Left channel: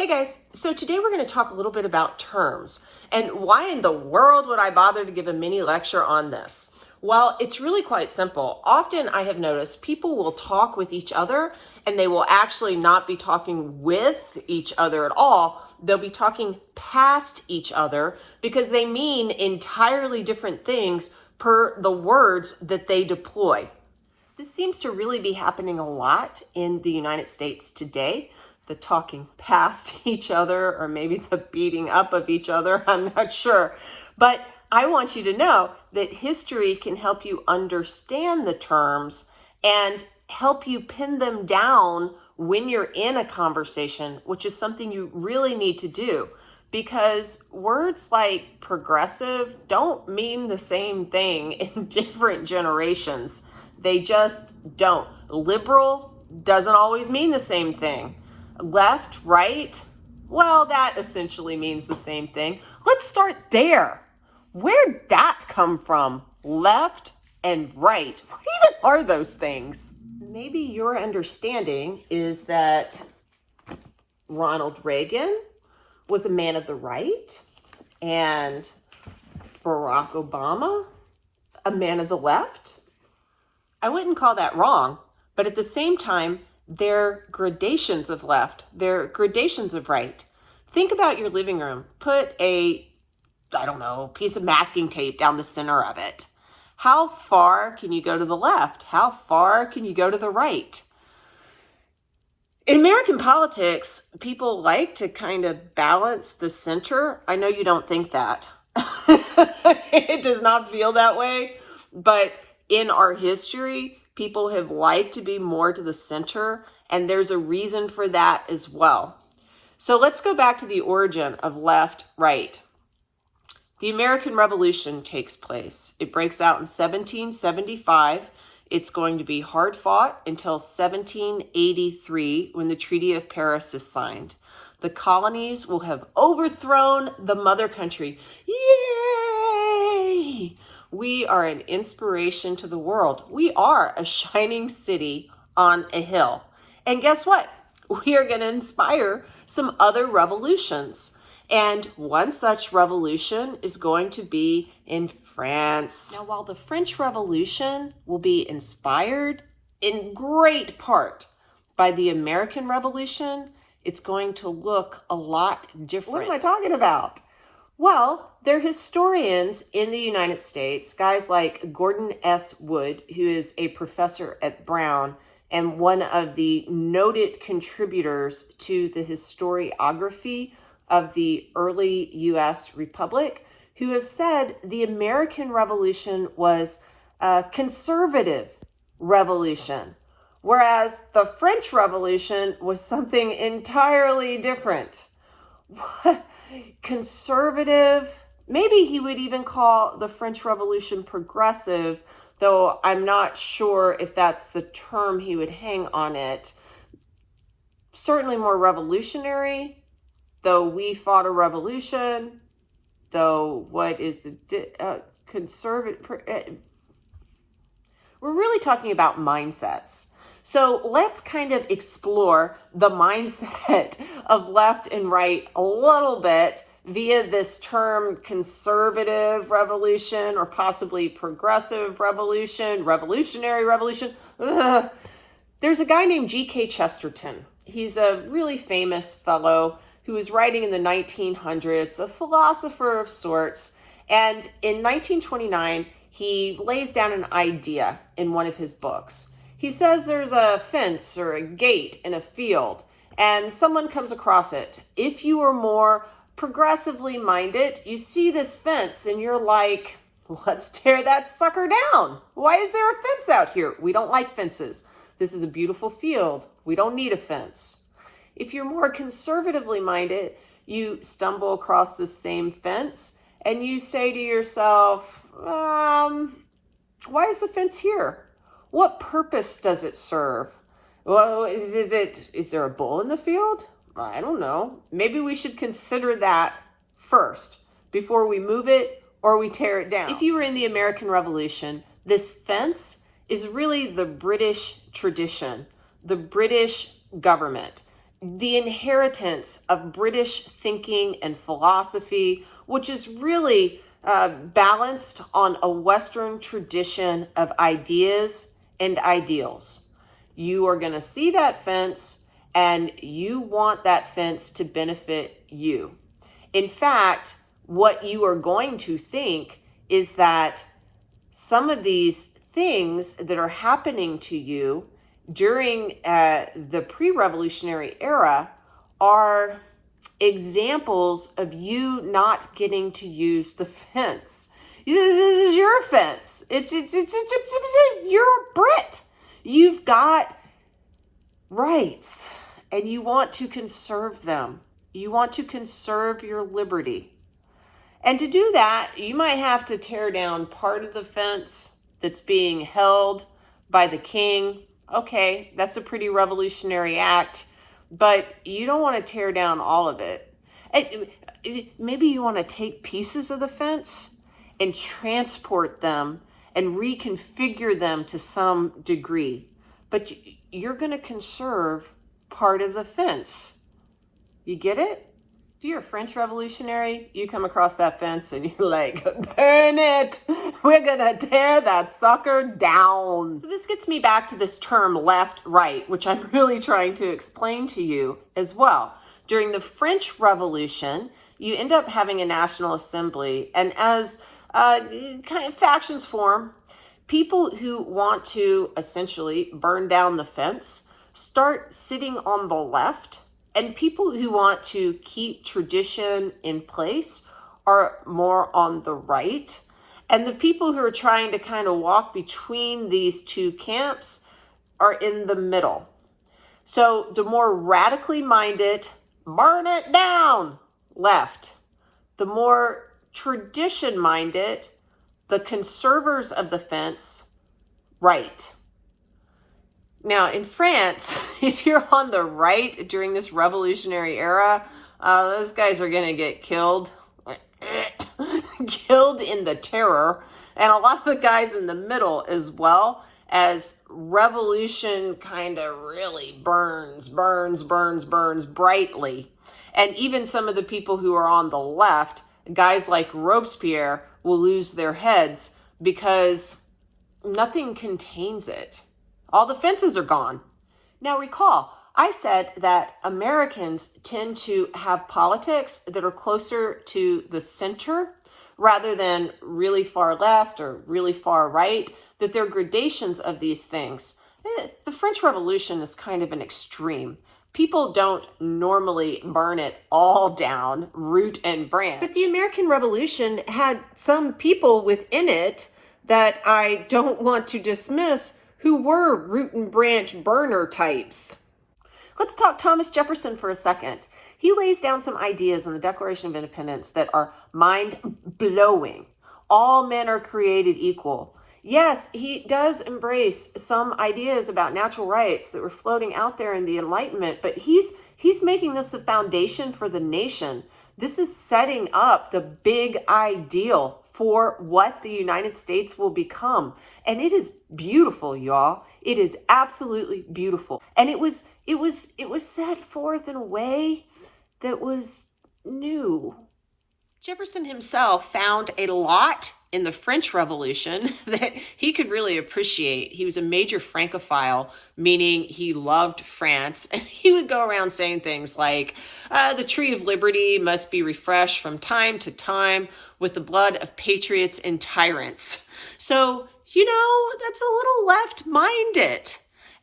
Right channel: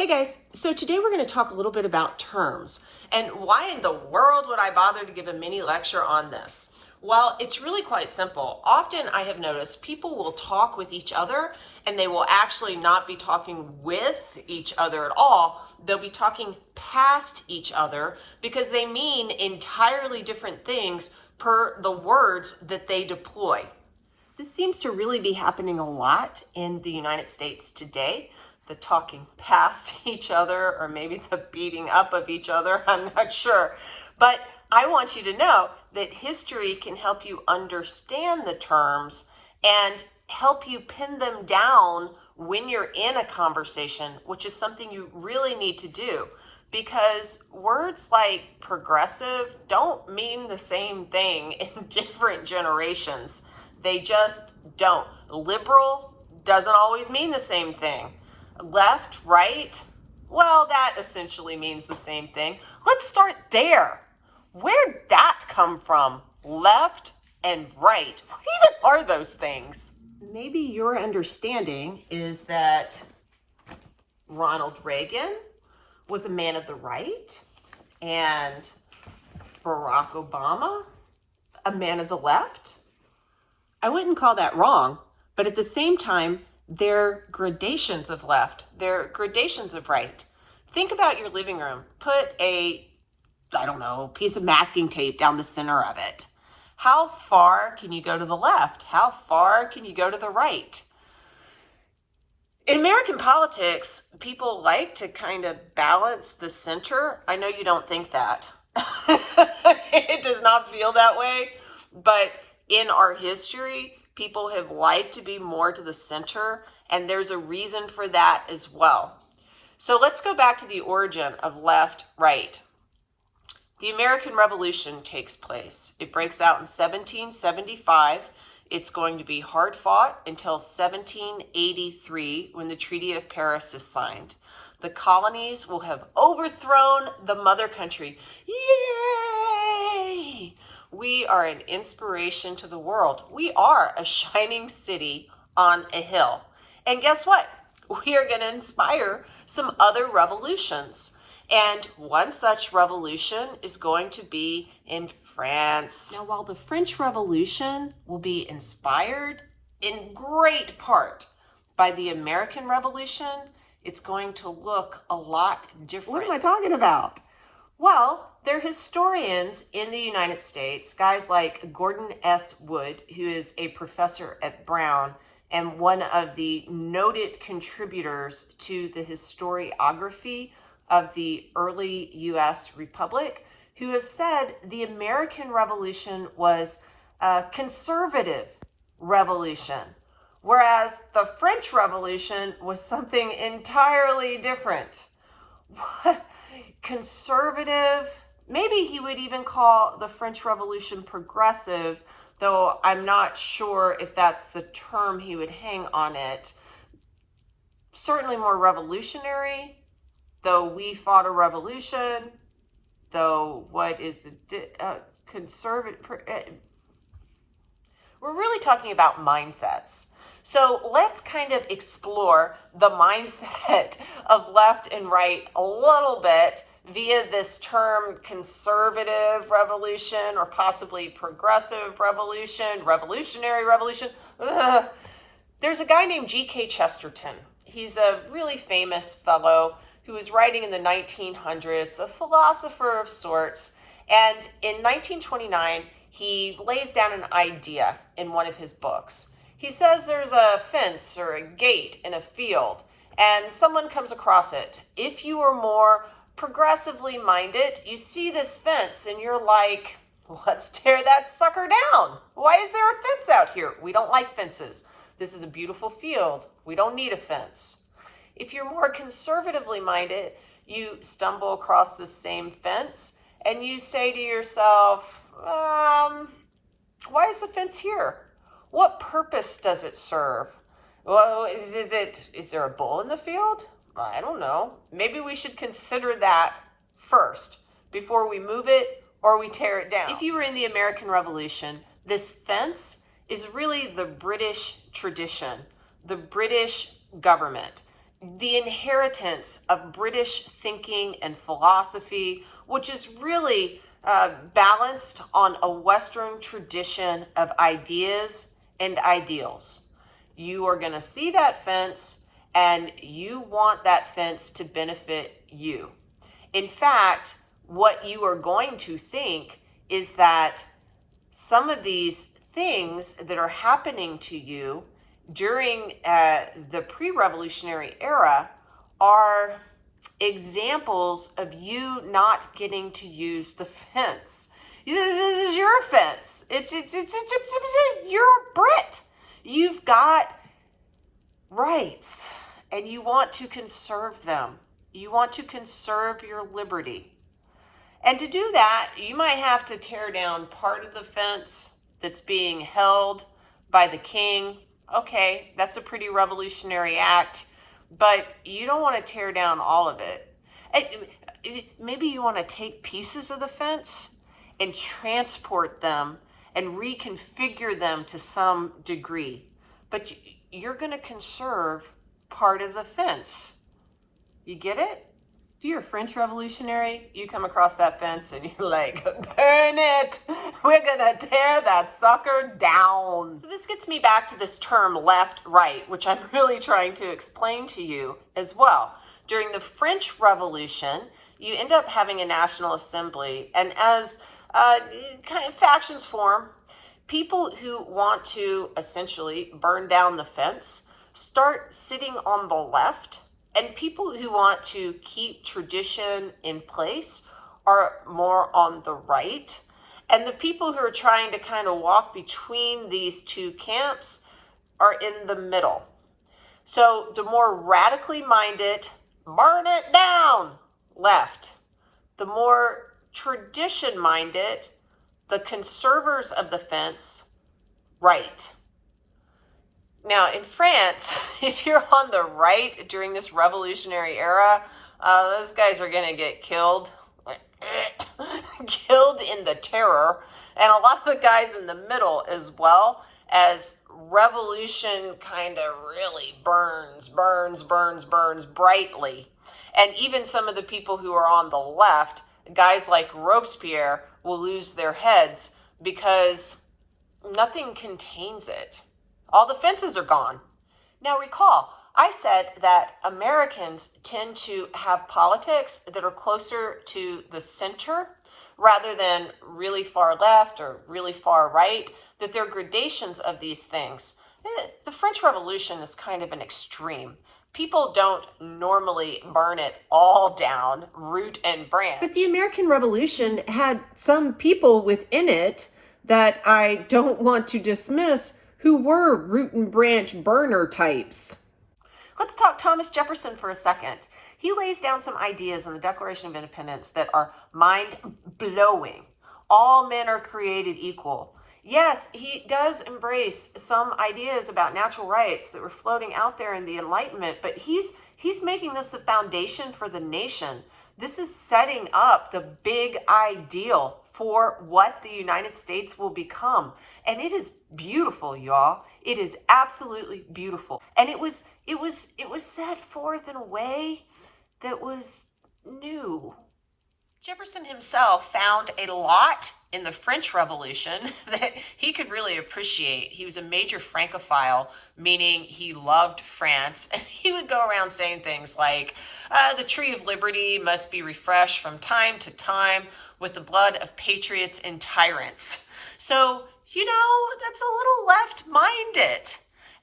Hey guys, so today we're going to talk a little bit about terms and why in the world would I bother to give a mini lecture on this? Well, it's really quite simple. Often I have noticed people will talk with each other and they will actually not be talking with each other at all. They'll be talking past each other because they mean entirely different things per the words that they deploy. This seems to really be happening a lot in the United States today. The talking past each other, or maybe the beating up of each other, I'm not sure. But I want you to know that history can help you understand the terms and help you pin them down when you're in a conversation, which is something you really need to do, because words like progressive don't mean the same thing in different generations. They just don't. Liberal doesn't always mean the same thing. Left, right, well, that essentially means the same thing. Let's start there. Where'd that come from? Left and right. What even are those things? Maybe your understanding is that Ronald Reagan was a man of the right and Barack Obama a man of the left. I wouldn't call that wrong, but at the same time, they're gradations of left, they're gradations of right. Think about your living room. Put a, piece of masking tape down the center of it. How far can you go to the left? How far can you go to the right? In American politics, people like to kind of balance the center. I know you don't think that. It does not feel that way, but in our history, people have liked to be more to the center, and there's a reason for that as well. So let's go back to the origin of left, right. The American Revolution takes place. It breaks out in 1775. It's going to be hard fought until 1783 when the Treaty of Paris is signed. The colonies will have overthrown the mother country. Yay! We are an inspiration to the world. We are a shining city on a hill. And guess what? We are going to inspire some other revolutions. And one such revolution is going to be in France. Now, while the French Revolution will be inspired in great part by the American Revolution, it's going to look a lot different. What am I talking about? Well, they're historians in the United States, guys like Gordon S.Wood, who is a professor at Brown and one of the noted contributors to the historiography of the early U.S. Republic, who have said the American Revolution was a conservative revolution, whereas the French Revolution was something entirely different. What? Conservative, maybe he would even call the French Revolution progressive, though I'm not sure if that's the term he would hang on it. Certainly more revolutionary, though we fought a revolution, though what is the conservative? We're really talking about mindsets. So let's kind of explore the mindset of left and right a little bit via this term conservative revolution or possibly progressive revolution, revolutionary revolution. Ugh. There's a guy named G.K. Chesterton. He's a really famous fellow who was writing in the 1900s, a philosopher of sorts. And in 1929, he lays down an idea in one of his books. He says there's a fence or a gate in a field and someone comes across it. If you are more progressively minded, you see this fence and you're like, let's tear that sucker down. Why is there a fence out here? We don't like fences. This is a beautiful field. We don't need a fence. If you're more conservatively minded, you stumble across the same fence and you say to yourself, why is the fence here? What purpose does it serve? Well, is there a bull in the field? I don't know. Maybe we should consider that first before we move it or we tear it down. If you were in the American Revolution, this fence is really the British tradition, the British government. the inheritance of British thinking and philosophy, which is really balanced on a Western tradition of ideas and ideals. You are going to see that fence and you want that fence to benefit you. In fact, what you are going to think is that some of these things that are happening to you during the pre-revolutionary era are examples of you not getting to use the fence. This is your fence. It's you're a Brit. You've got rights and you want to conserve them. You want to conserve your liberty. And to do that, you might have to tear down part of the fence that's being held by the king. Okay, that's a pretty revolutionary act, but you don't want to tear down all of it. Maybe you want to take pieces of the fence and transport them and reconfigure them to some degree, but you're going to conserve part of the fence. You get it? If you're a French revolutionary, you come across that fence and you're like, burn it. We're going to tear that sucker down. So this gets me back to this term left, right, which I'm really trying to explain to you as well. During the French Revolution, you end up having a National Assembly, and as kind of factions form, people who want to essentially burn down the fence start sitting on the left, and people who want to keep tradition in place are more on the right. And the people who are trying to kind of walk between these two camps are in the middle. So the more radically minded, burn it down, left. The more tradition minded, the conservers of the fence, right. Now, in France, if you're on the right during this revolutionary era, those guys are going to get killed. Killed in the terror. And a lot of the guys in the middle as well, as revolution kind of really burns brightly. And even some of the people who are on the left, guys like Robespierre, will lose their heads because nothing contains it. All the fences are gone. Now recall, I said that Americans tend to have politics that are closer to the center rather than really far left or really far right, that there are gradations of these things. The French Revolution is kind of an extreme. People don't normally burn it all down, root and branch. But the American Revolution had some people within it that I don't want to dismiss who were root and branch burner types. Let's talk Thomas Jefferson for a second. He lays down some ideas in the Declaration of Independence that are mind-blowing. All men are created equal. Yes, he does embrace some ideas about natural rights that were floating out there in the Enlightenment, but he's making this the foundation for the nation. This is setting up the big ideal for what the United States will become. And it is beautiful, y'all. It is absolutely beautiful. And it was set forth in a way that was new. Jefferson himself found a lot in the French Revolution that he could really appreciate. He was a major Francophile, meaning he loved France, and he would go around saying things like, the tree of liberty must be refreshed from time to time with the blood of patriots and tyrants. So, that's a little left-minded.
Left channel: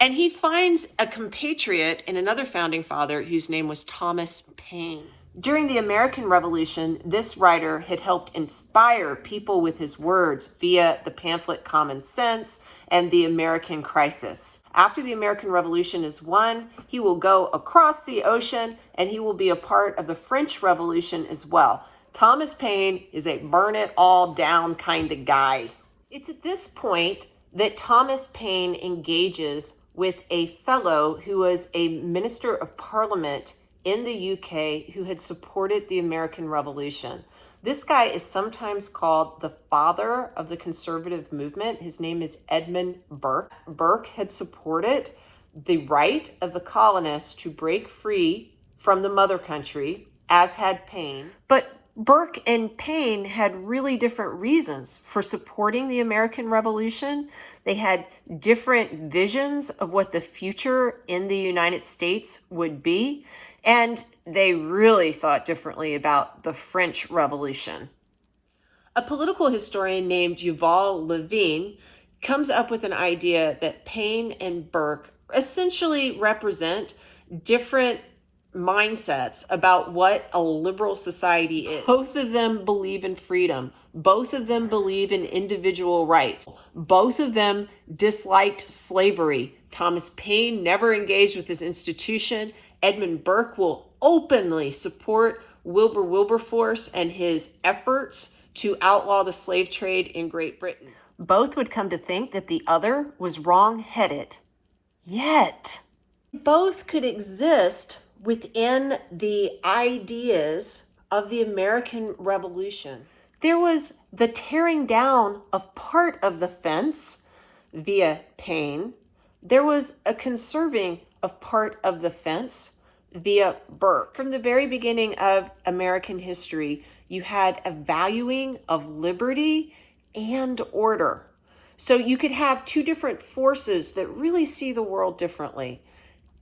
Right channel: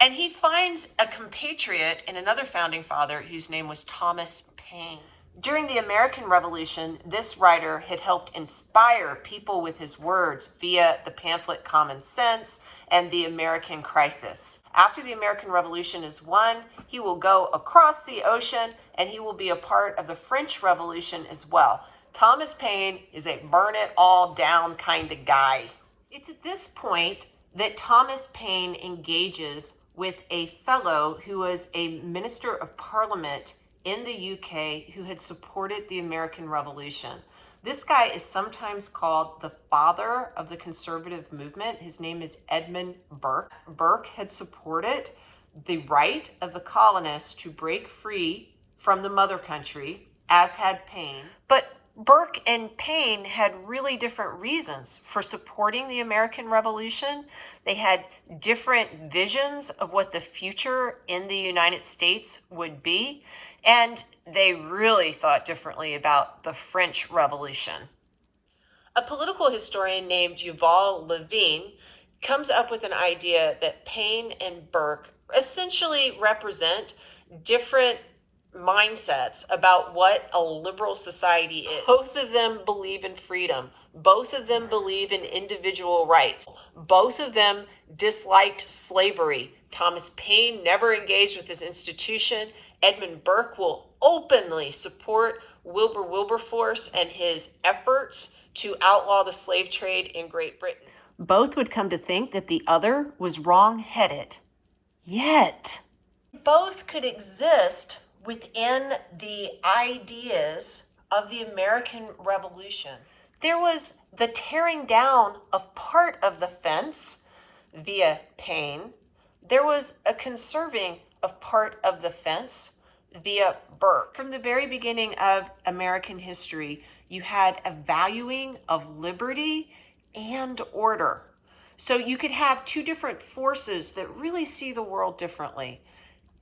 And he finds a compatriot in another founding father whose name was Thomas Paine. During the American Revolution, this writer had helped inspire people with his words via the pamphlet Common Sense and the American Crisis. After the American Revolution is won, he will go across the ocean and he will be a part of the French Revolution as well. Thomas Paine is a burn it all down kind of guy. It's at this point that Thomas Paine engages with a fellow who was a minister of parliament in the UK who had supported the American Revolution. This guy is sometimes called the father of the conservative movement. His name is Edmund Burke. Burke had supported the right of the colonists to break free from the mother country, as had Paine. But Burke and Paine had really different reasons for supporting the American Revolution. They had different visions of what the future in the United States would be, and they really thought differently about the French Revolution. A political historian named Yuval Levine comes up with an idea that Paine and Burke essentially represent different mindsets about what a liberal society is. Both of them believe in freedom. Both of them believe in individual rights. Both of them disliked slavery. Thomas Paine never engaged with this institution. Edmund Burke will openly support Wilberforce and his efforts to outlaw the slave trade in Great Britain. Both would come to think that the other was wrong-headed. Yet, both could exist within the ideas of the American Revolution. There was the tearing down of part of the fence via Paine. There was a conserving of part of the fence via Burke. From the very beginning of American history, you had a valuing of liberty and order. So you could have two different forces that really see the world differently,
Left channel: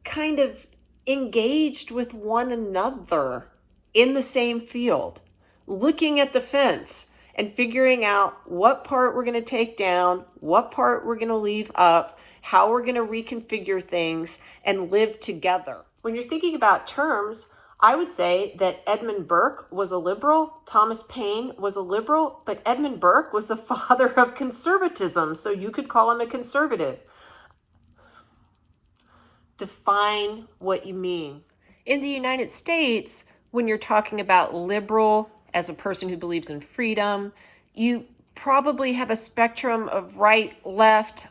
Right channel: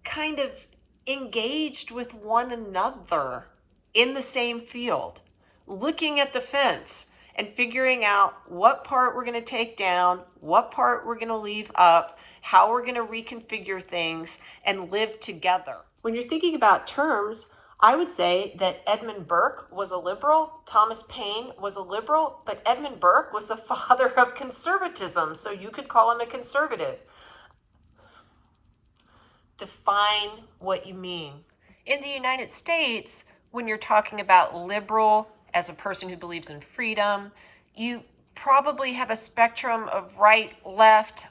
kind of engaged with one another in the same field, looking at the fence and figuring out what part we're going to take down, what part we're going to leave up, how we're going to reconfigure things and live together. When you're thinking about terms, I would say that Edmund Burke was a liberal, Thomas Paine was a liberal, but Edmund Burke was the father of conservatism, so you could call him a conservative. Define what you mean. In the United States, when you're talking about liberal as a person who believes in freedom, you probably have a spectrum of right, left,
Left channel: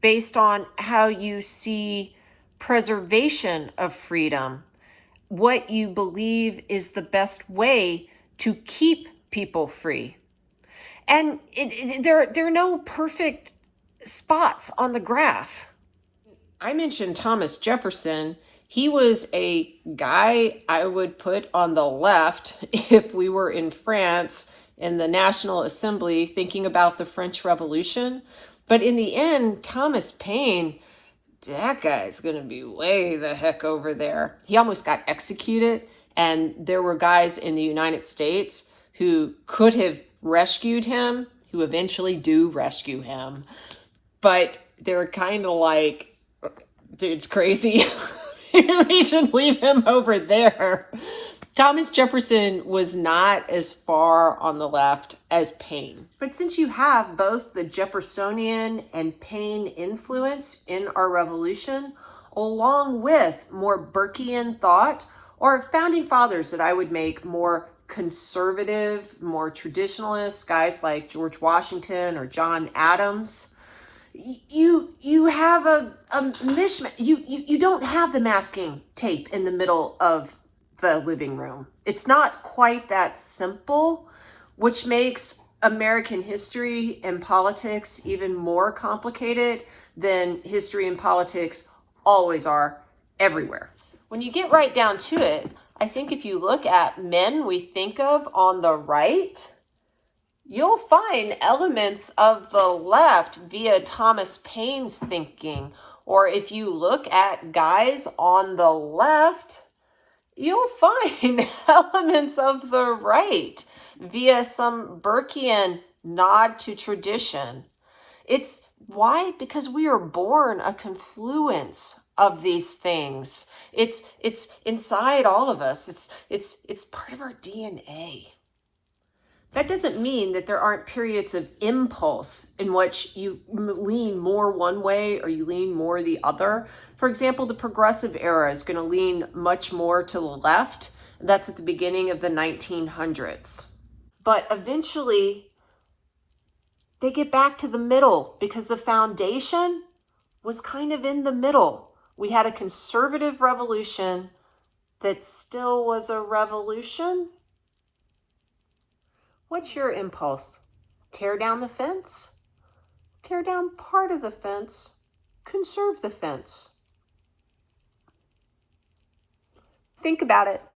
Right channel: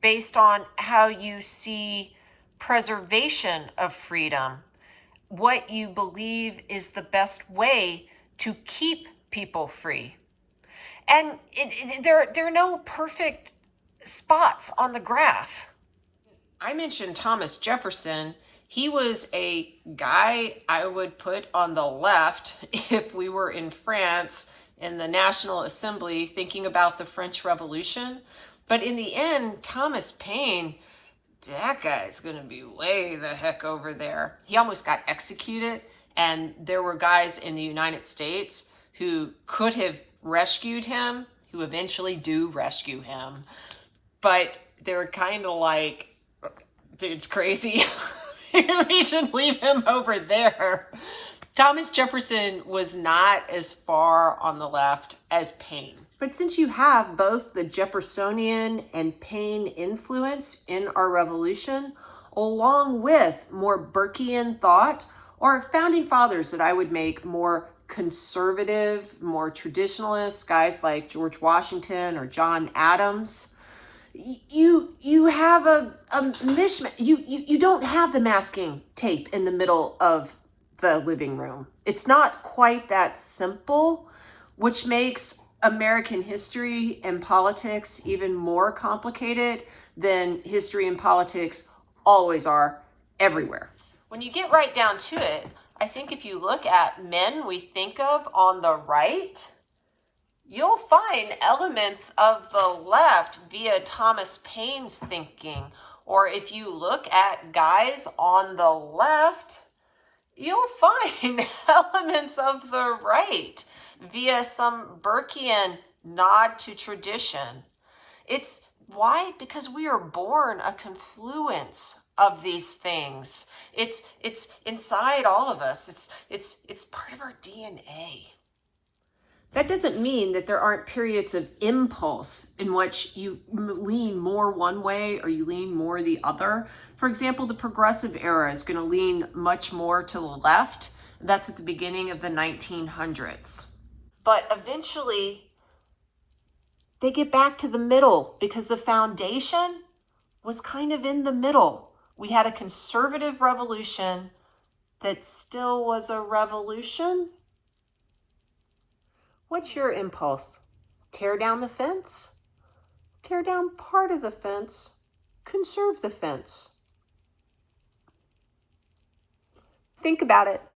based on how you see preservation of freedom, what you believe is the best way to keep people free. And there are no perfect spots on the graph. I mentioned Thomas Jefferson. He was a guy I would put on the left if we were in France in the National Assembly thinking about the French Revolution. But in the end, Thomas Paine, that guy's going to be way the heck over there. He almost got executed, and there were guys in the United States who could have rescued him, who eventually do rescue him. But they were kind of like, dude's crazy. We should leave him over there. Thomas Jefferson was not as far on the left as Paine. But since you have both the Jeffersonian and Paine influence in our revolution, along with more Burkean thought, or founding fathers that I would make more conservative, more traditionalist, guys like George Washington or John Adams, you have a mishmash. You don't have the masking tape in the middle of the living room. It's not quite that simple, which makes American history and politics even more complicated than history and politics always are everywhere. When you get right down to it, I think if you look at men we think of on the right, you'll find elements of the left via Thomas Paine's thinking. Or if you look at guys on the left, you'll find elements of the right via some Burkean nod to tradition. It's why? Because we are born a confluence of these things. It's inside all of us. It's part of our DNA. That doesn't mean that there aren't periods of impulse in which you lean more one way or you lean more the other. For example, the progressive era is going to lean much more to the left. That's at the beginning of the 1900s. But eventually, they get back to the middle because the foundation was kind of in the middle. We had a conservative revolution that still was a revolution. What's your impulse? Tear down the fence? Tear down part of the fence? Conserve the fence? Think about it.